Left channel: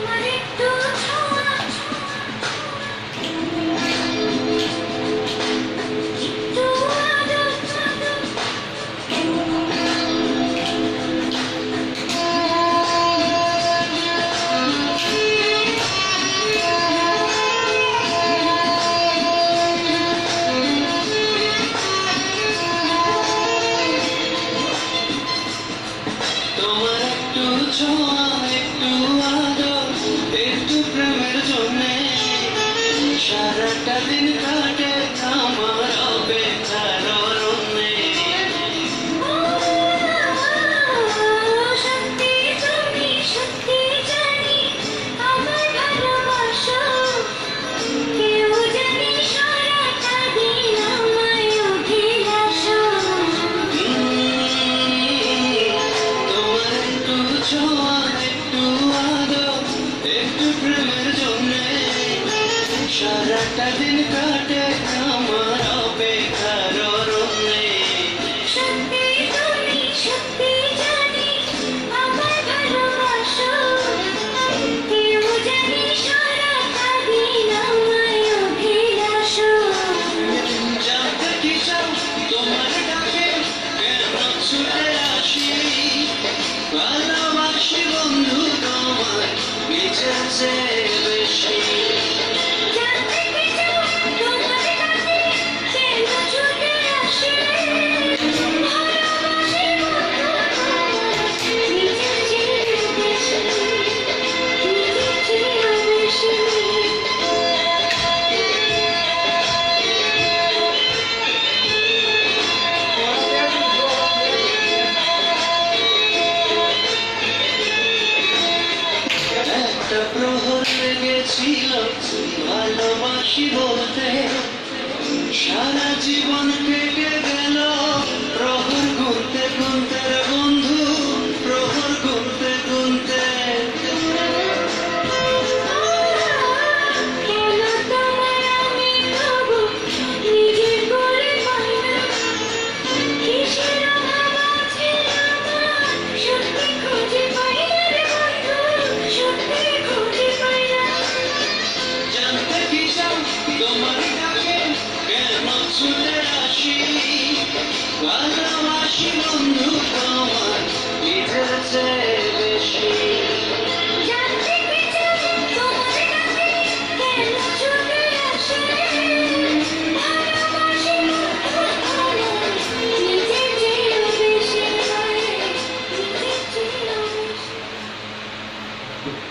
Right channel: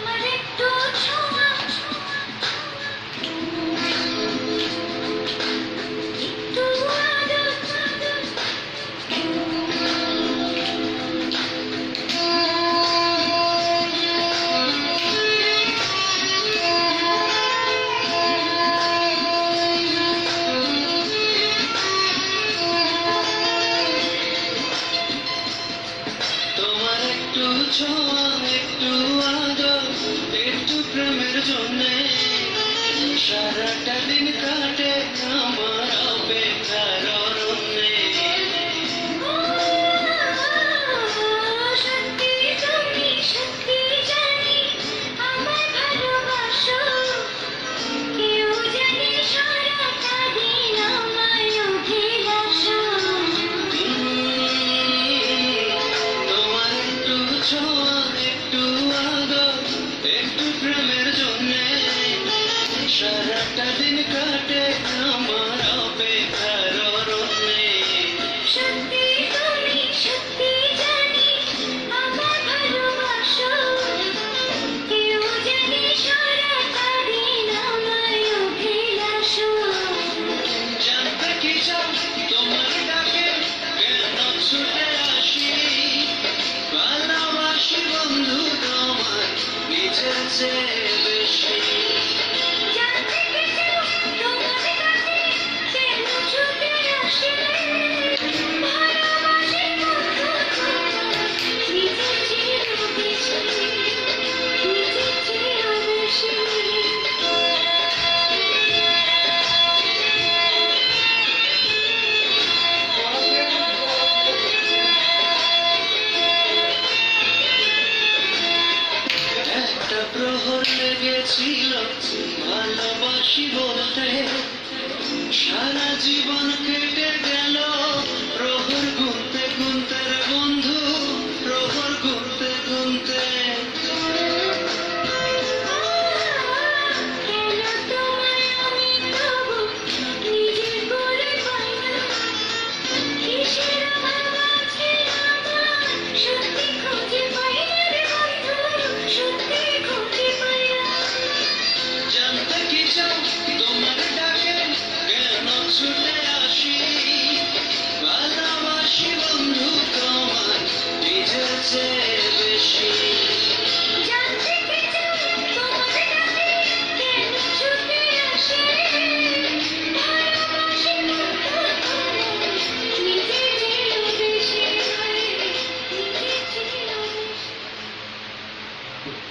তোমার একটু ছোঁয়া, একটু আদর, একটু প্রেমের জন্যে সারাটা দিন কাটে আমার অপেক্ষার অরণ্যে। সত্যি তুমি সত্যি জানি আমার ভালোবাসো, কেউ জানি সারাটা দিন আমায় অভিলাষো। তোমার একটু ছোঁয়া, একটু আদর, একটু প্রেমের জন্যে সারাটা দিন কাটে আমার অপেক্ষার অরণ্যে। সত্যি তুমি সত্যি জানি আমার ভালোবাসো, কেউ জানি সারাটা দিন আমায় অভিলাষো। জানতে কি চাও তোমার ডাকে কেন ছুটে আসি, ভালোবাসি বন্ধু তোমার নিজের চেয়ে বেশি। জানতে কি চাও তোমার কাছে কেন ছুটে আসি, ভালোবাসি বন্ধু তোমার নিজের চেয়েও বেশি, নিজের চেয়েও বেশি। একটা প্রহর লেগেছিল ভালোবাসি বলতে, সারা জীবন কেটে গেল প্রহর গুনতে গুনতে রে বন্ধু, প্রহর গুনতে গুনতে। কেন তোমায় আমি তবু নিজে করে পাই না, কিসের অভাব আছে আমার সত্যি খুঁজে পাই না রে বন্ধু, সত্যি খুঁজে পাই না। জানতে কি চাও তোমার ডাকে কেন ছুটে আসি, ভালোবাসি বন্ধু তোমার নিজের চেয়ে